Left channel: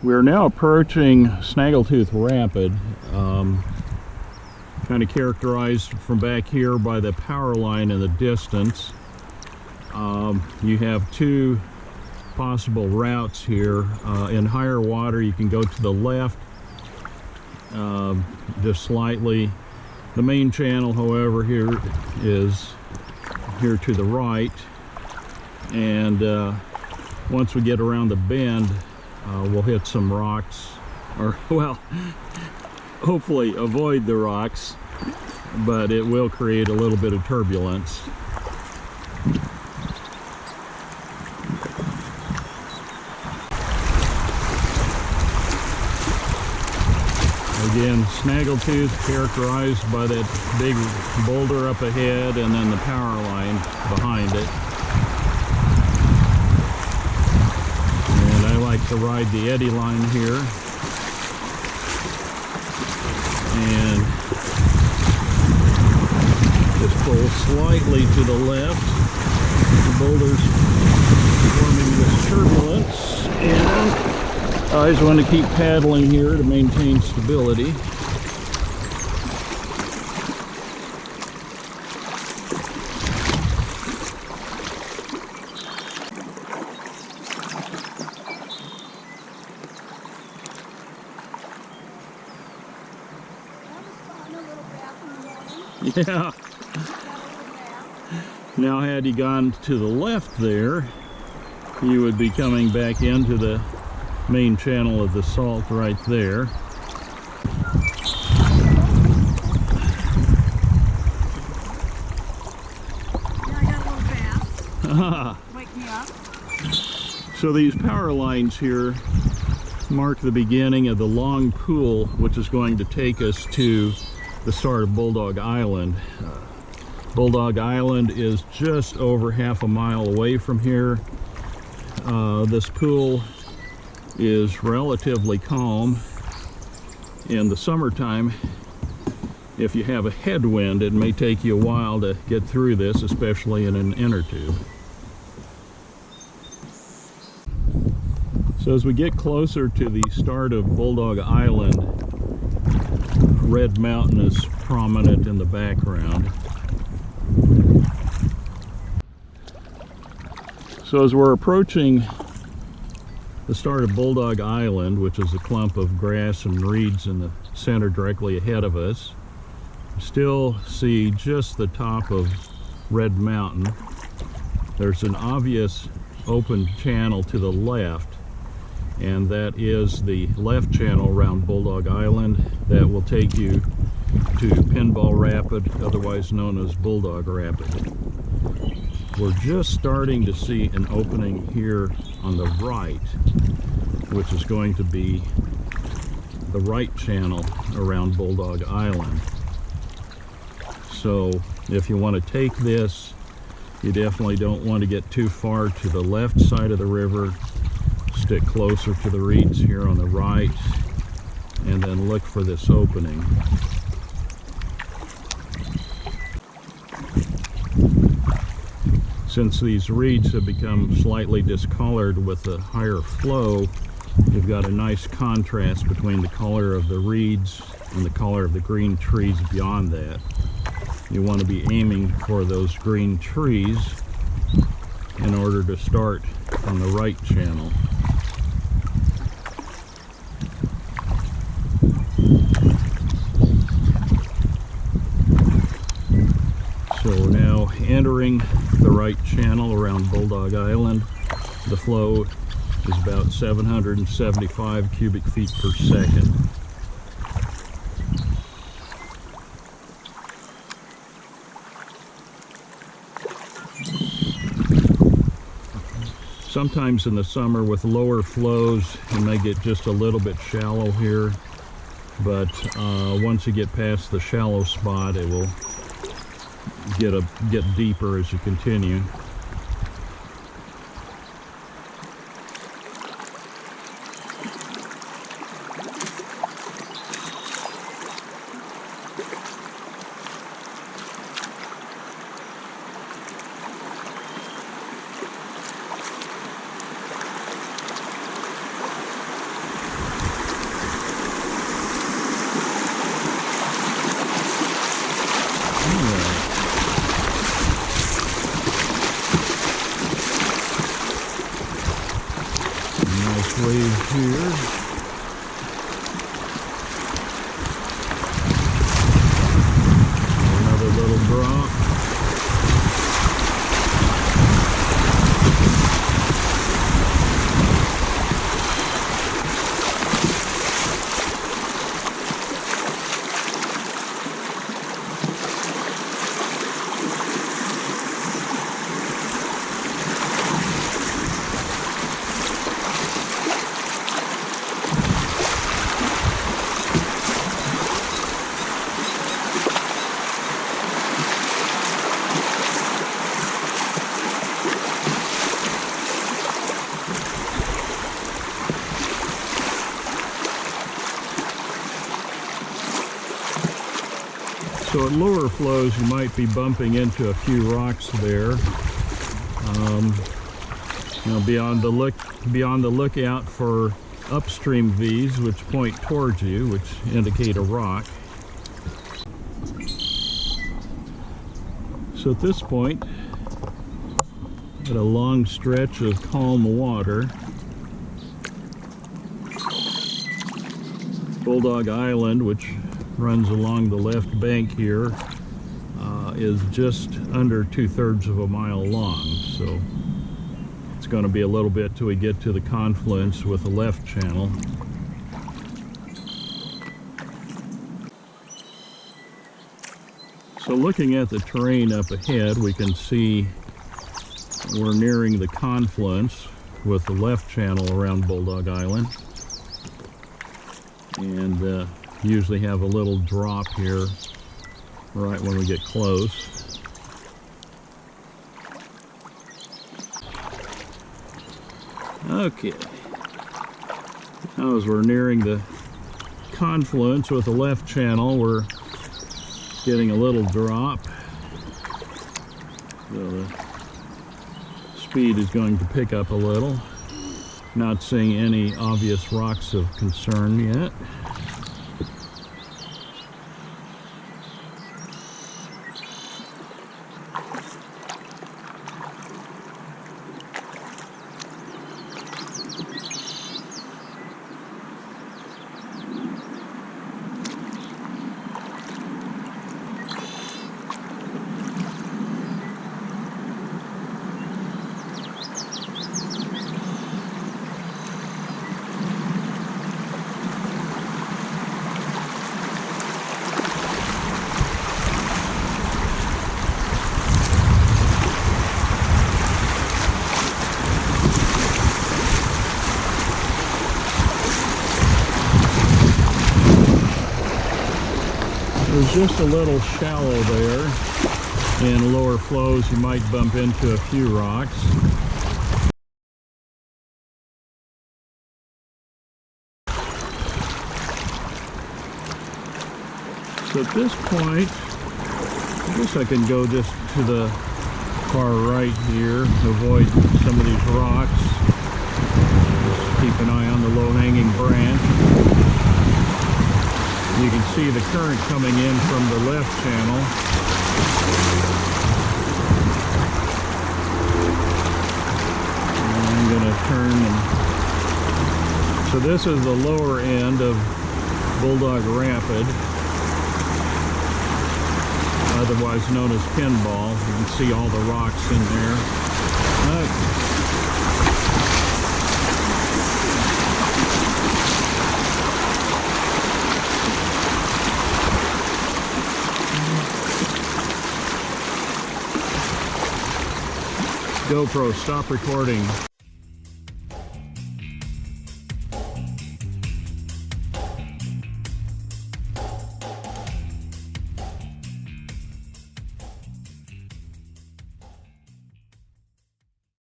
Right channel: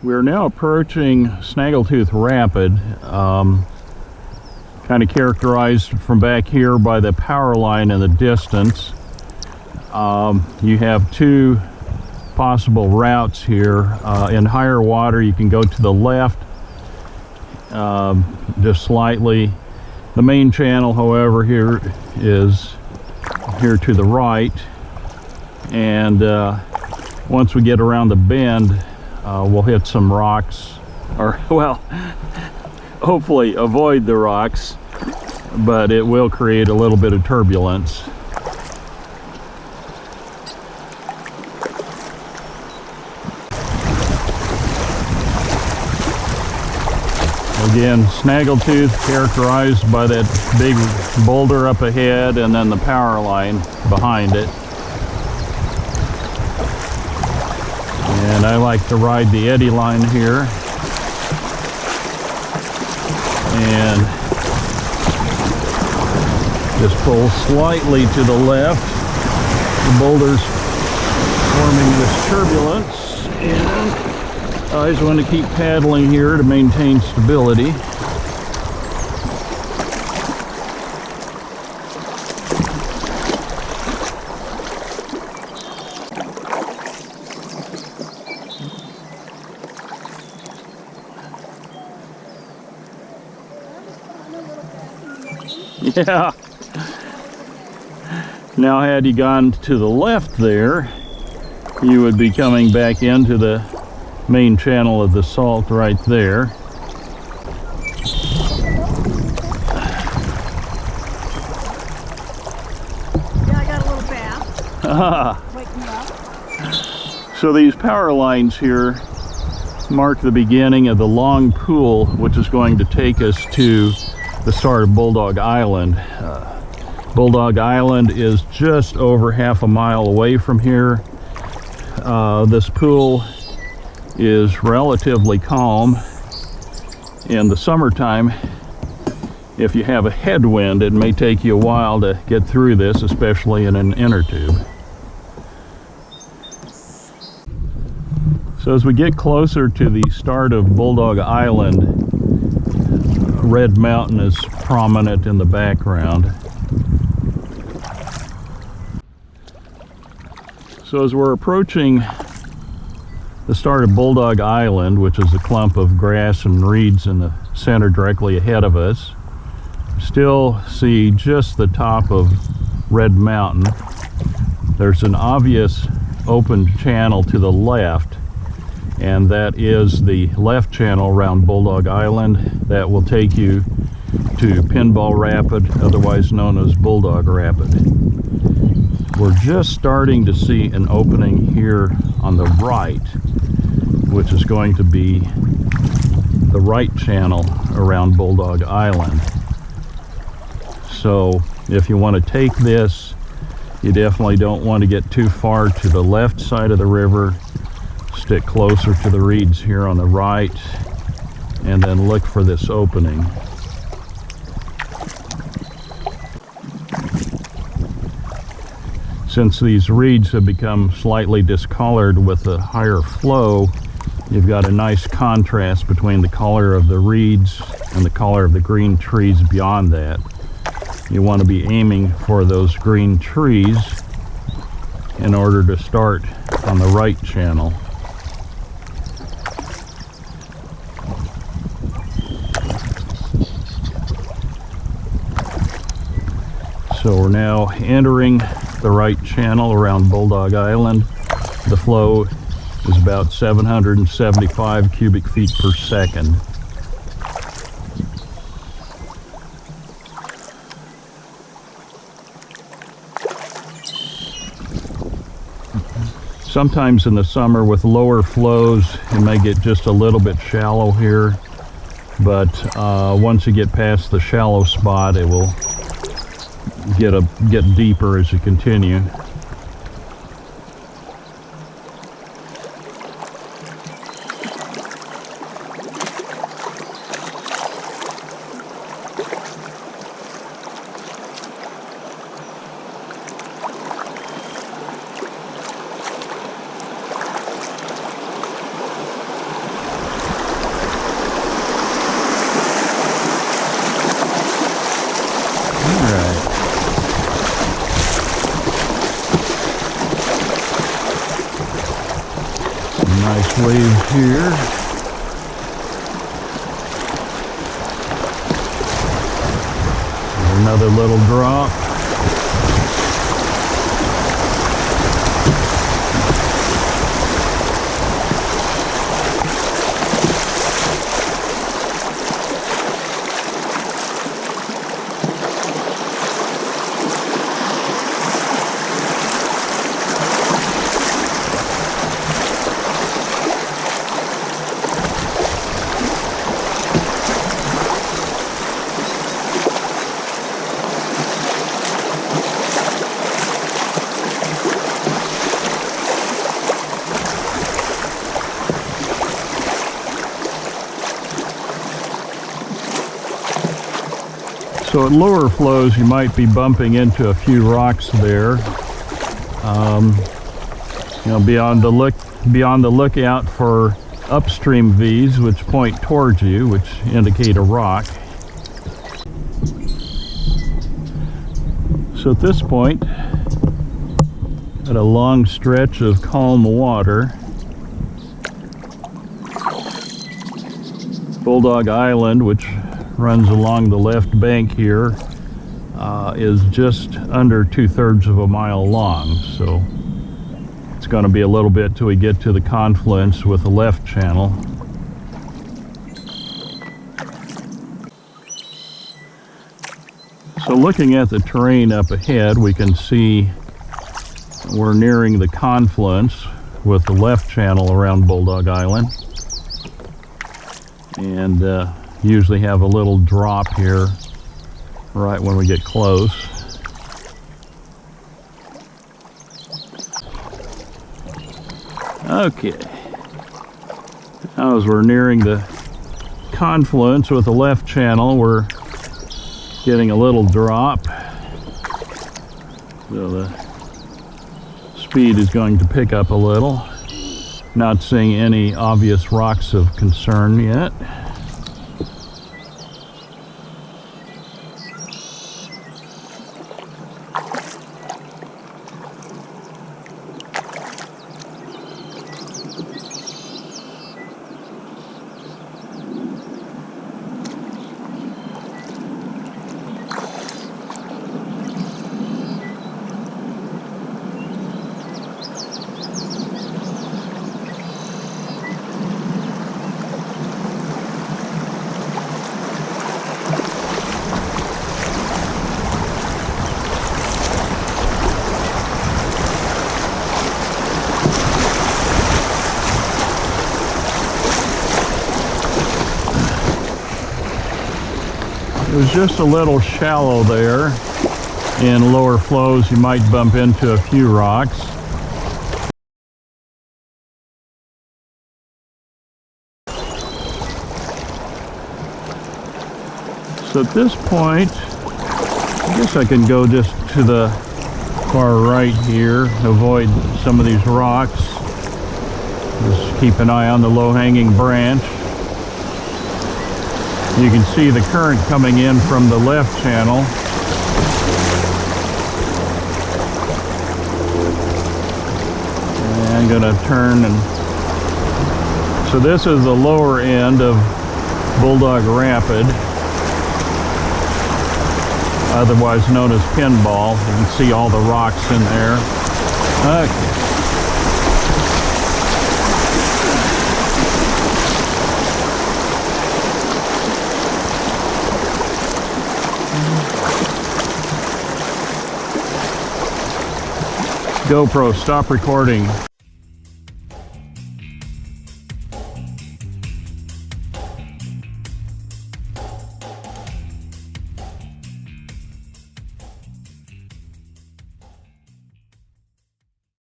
We're now approaching Snaggletooth Rapid, kind of characterized from back here by the power line in the distance. You have two possible routes here. In higher water you can go to the left just slightly. The main channel, however, here is here to the right, and once we get around the bend we'll hit some rocks, or well, hopefully avoid the rocks, but it will create a little bit of turbulence. Again, Snaggletooth characterized by that big boulder up ahead and then the power line behind it. And I like to ride the eddy line here. And just pull slightly to the left. The boulder's forming this turbulence, and I just want to keep paddling here to maintain stability. Yeah. Now, had you gone to the left there, you would be coming back into the main channel of the salt right there. Yeah, I got a little bath. Wake me up. So these power lines here mark the beginning of the long pool, which is going to take us to the start of Bulldog Island. Bulldog Island is just over half a mile away from here. This pool is relatively calm. In the summertime, if you have a headwind, it may take you a while to get through this, especially in an inner tube. So as we get closer to the start of Bulldog Island, Red Mountain is prominent in the background. So as we're approaching the start of Bulldog Island, which is a clump of grass and reeds in the center directly ahead of us, you still see just the top of Red Mountain. There's an obvious open channel to the left, and that is the left channel around Bulldog Island that will take you to Pinball Rapid, otherwise known as Bulldog Rapid. We're just starting to see an opening here on the right, which is going to be the right channel around Bulldog Island. So if you want to take this, you definitely don't want to get too far to the left side of the river. Stick closer to the reeds here on the right, and then look for this opening. Since these reeds have become slightly discolored with the higher flow, you've got a nice contrast between the color of the reeds and the color of the green trees beyond that. You want to be aiming for those green trees in order to start on the right channel. So we're now entering the right channel around Bulldog Island. The flow is about 775 cubic feet per second. Sometimes in the summer with lower flows, it may get just a little bit shallow here, but once you get past the shallow spot, it will get deeper as you continue. waves here. Another little drop. So at lower flows, you might be bumping into a few rocks there. Be on the lookout for upstream V's, which point towards you, which indicate a rock. So at this point, at a long stretch of calm water, Bulldog Island, which runs along the left bank here, is just under 2/3 of a mile long. So it's going to be a little bit till we get to the confluence with the left channel. So looking at the terrain up ahead, we can see we're nearing the confluence with the left channel around Bulldog Island. And usually have a little drop here right when we get close. Okay, now as we're nearing the confluence with the left channel, we're getting a little drop, so the speed is going to pick up a little. Not seeing any obvious rocks of concern yet. It was just a little shallow there. In lower flows, you might bump into a few rocks. So at this point, I guess I can go just to the far right here, avoid some of these rocks. Just keep an eye on the low-hanging branch. You can see the current coming in from the left channel. And I'm going to turn and... So this is the lower end of Bulldog Rapid, otherwise known as Pinball. You can see all the rocks in there. Okay. GoPro, stop recording.